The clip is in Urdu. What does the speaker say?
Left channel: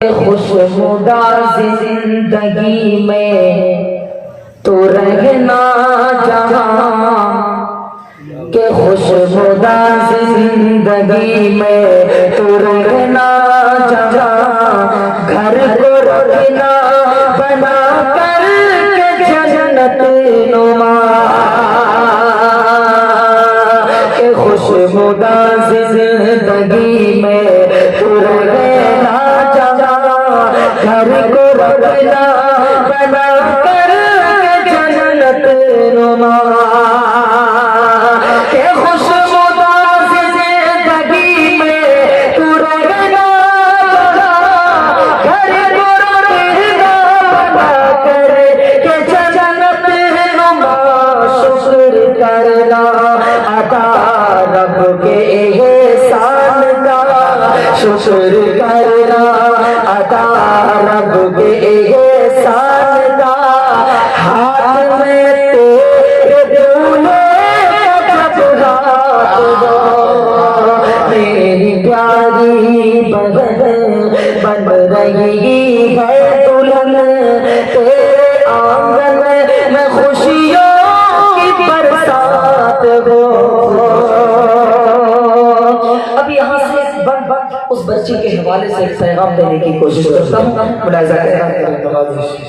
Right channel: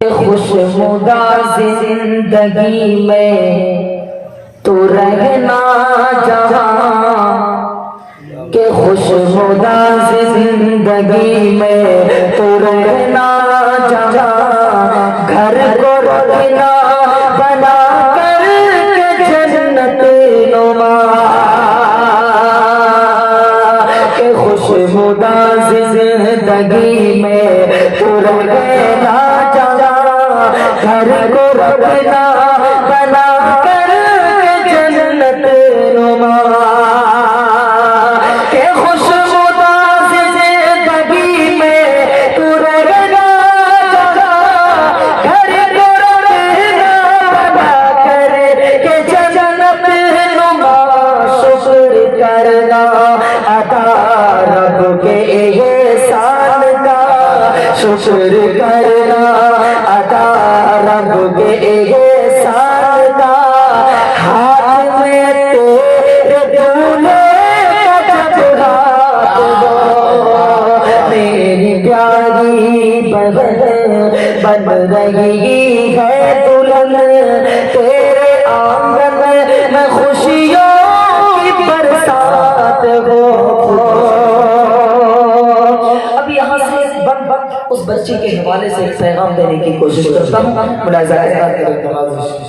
خوشمدہ زندگی میں تو رہنا جہاں کہ خوشمدہ زندگی میں تو رہنا جہاں گھر کو رکھنا بنا کر کے جنت نما کہ خوشمدہ زندگی میں تو رہنا گھر کو رکھنا بنا کر جنت نما کہ خوشمدہ زندگی میں تو رہنا گھر کو رکھنا بنا کر کہ جنت نما شکر کرنا عطا رب کے احسان کا شکر کرنا رب کے احسان کا ہاتھ میں تیرے دولے کا جب ہاتھ دو میری پیاری بہن بن رہی ہے دلہن تیرے آنگن میں خوشیوں کی برسات ہو۔ اب یہاں سے اس بچی کے حوالے سے ایک پیغام دینے کی کوشش کرتا ہوں، ملاحظہ کریں۔